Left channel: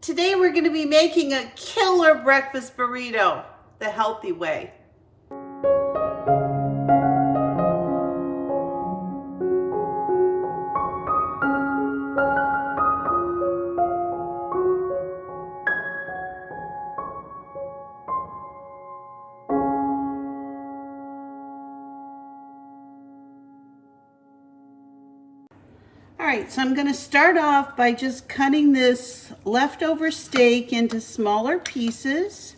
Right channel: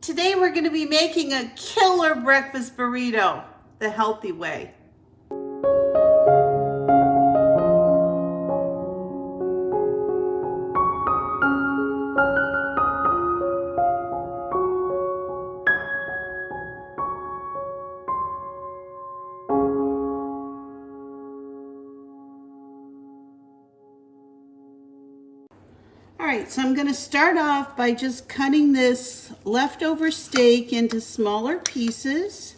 Today we're going to be making a killer breakfast burrito, the healthy way. All right, so I'm going to start off by just cutting this leftover steak into smaller pieces.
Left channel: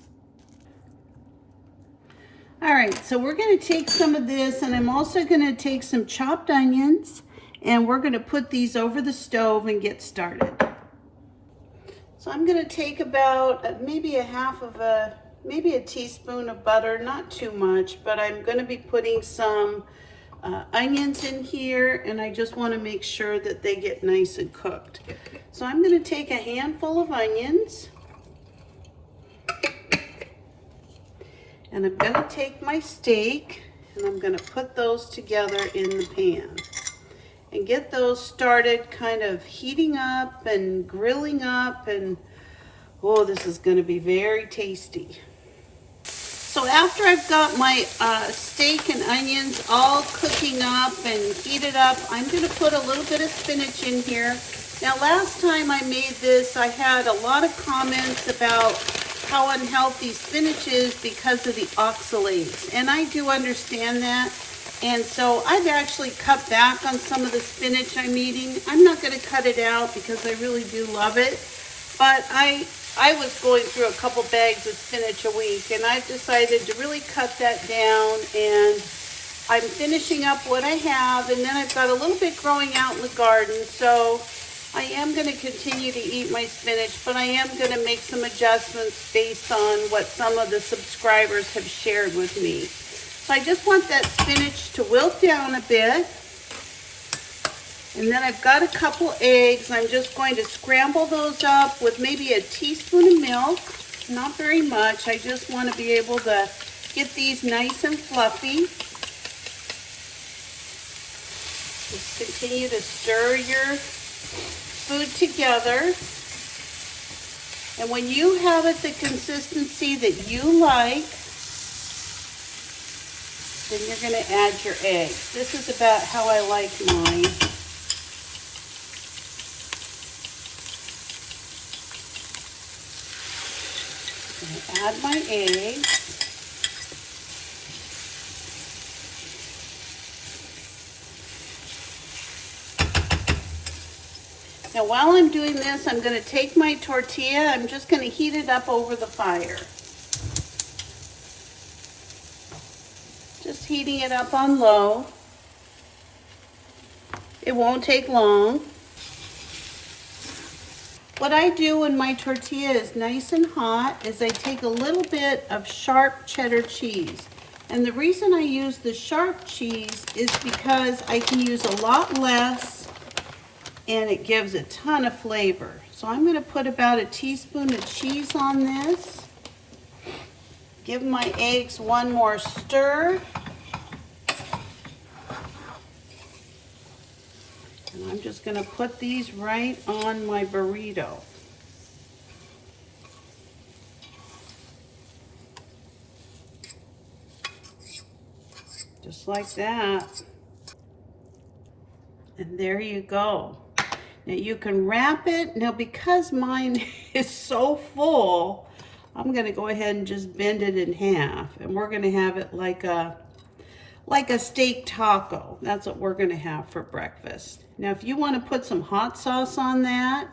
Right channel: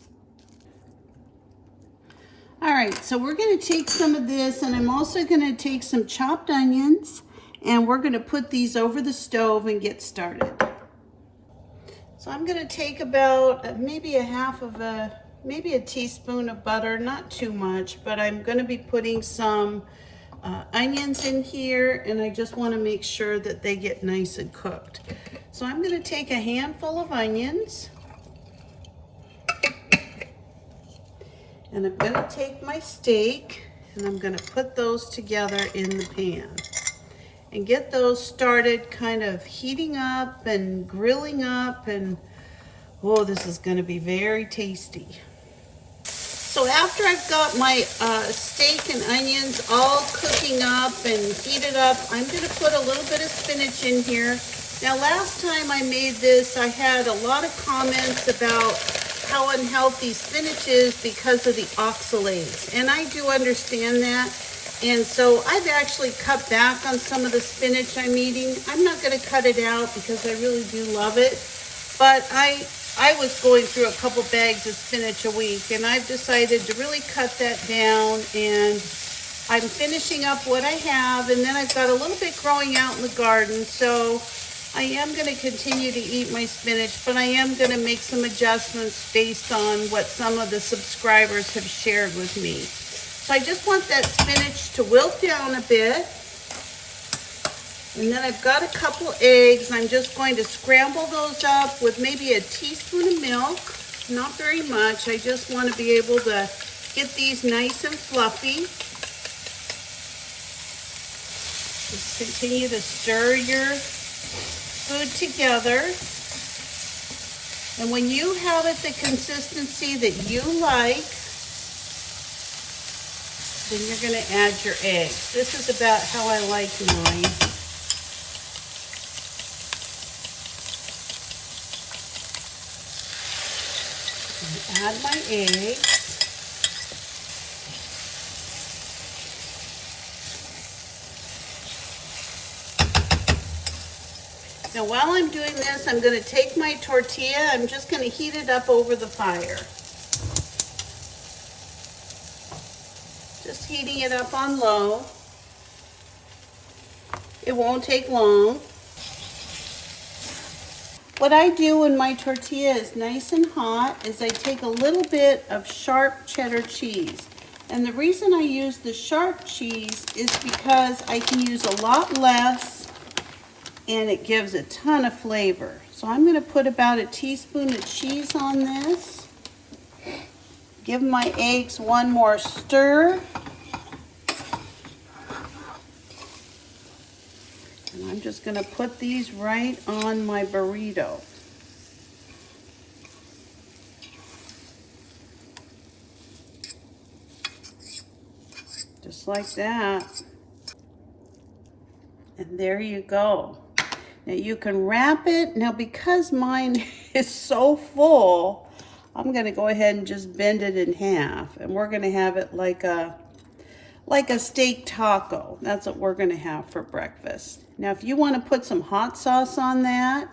All right, so we're going to take some of this, and I'm also going to take some chopped onions, and we're going to put these over the stove and get started. So I'm going to take about maybe a teaspoon of butter, not too much, but I'm going to be putting some onions in here, and I just want to make sure that they get nice and cooked. So I'm going to take a handful of onions, and I'm going to take my steak, and I'm going to put those together in the pan and get those started kind of heating up and grilling up, and oh, this is going to be very tasty. So after I've got my steak and onions all cooking up and heated up, I'm going to put a little bit of spinach in here. Now last time I made this, I had a lot of comments about how unhealthy spinach is because of the oxalates. And I do understand that. And so I've actually cut back on some of the spinach I'm eating. I'm not going to cut it out because I really do love it. But I was going through a couple bags of spinach a week, and I've decided to really cut that down, and I'm finishing up what I have, and then I've got a little bit growing out in the garden, so I am going to continue to eat my spinach, but I am going to make some adjustments based on what some of the subscribers have shared with me. So I just want that spinach to wilt down a bit. And then I've got a couple eggs. I'm just going to scramble those up with maybe a teaspoon of milk. Not very much. I just want to be able to get these nice and fluffy. Just continue to stir your food together. And when you have it the consistency that you like, then you're going to add your eggs. This is about how I like mine. Add my eggs. Now while I'm doing this, I'm going to take my tortilla. I'm just going to heat it up over the fire. Just heating it up on low. It won't take long. What I do when my tortilla is nice and hot is I take a little bit of sharp cheddar cheese. And the reason I use the sharp cheese is because I can use a lot less and it gives a ton of flavor. So I'm going to put about a teaspoon of cheese on this. Give my eggs one more stir. And I'm just going to put these right on my burrito. Just like that. And there you go. Now you can wrap it. Now because mine is so full, I'm going to go ahead and just bend it in half. And we're going to have it like a steak taco. That's what we're going to have for breakfast. Now, if you want to put some hot sauce on that,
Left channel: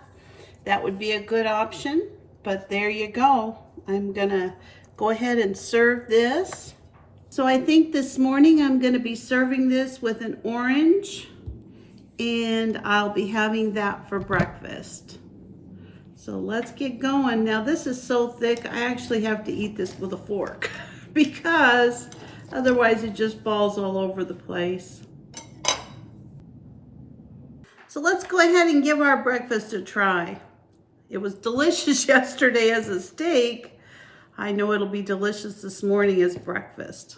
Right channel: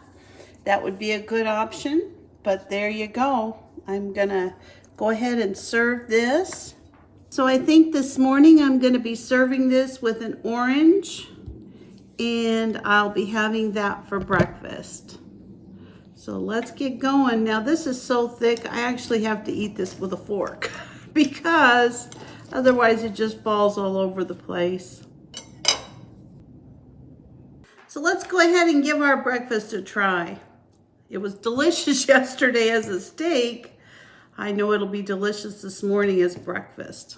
that would be a good option. But there you go. I'm going to go ahead and serve this. So I think this morning I'm going to be serving this with an orange, and I'll be having that for breakfast. So let's get going. Now this is so thick, I actually have to eat this with a fork because otherwise it just falls all over the place. So let's go ahead and give our breakfast a try. It was delicious yesterday as a steak. I know it'll be delicious this morning as breakfast.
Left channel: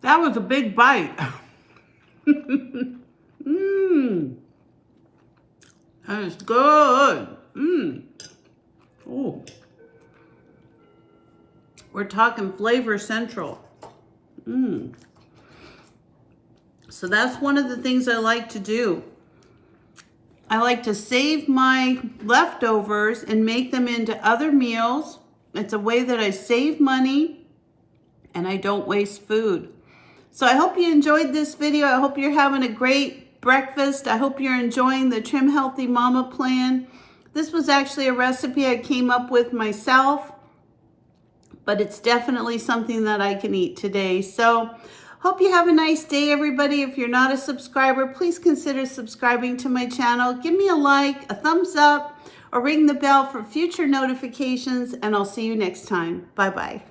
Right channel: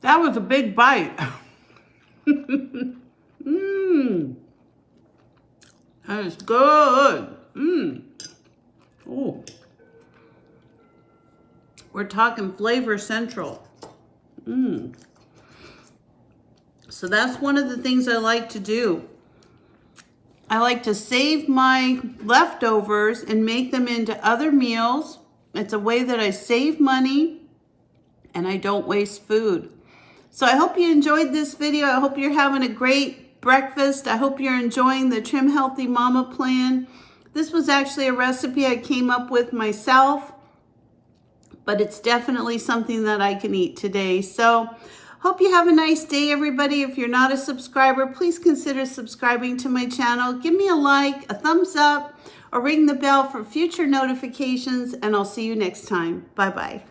That was a big bite. Mmm. That is good. Mmm. Oh. We're talking flavor central. Mmm. So that's one of the things I like to do. I like to save my leftovers and make them into other meals. It's a way that I save money and I don't waste food. So I hope you enjoyed this video. I hope you're having a great breakfast. I hope you're enjoying the Trim Healthy Mama plan. This was actually a recipe I came up with myself, but it's definitely something that I can eat today. So hope you have a nice day, everybody. If you're not a subscriber, please consider subscribing to my channel. Give me a like, a thumbs up, or ring the bell for future notifications, and I'll see you next time. Bye-bye.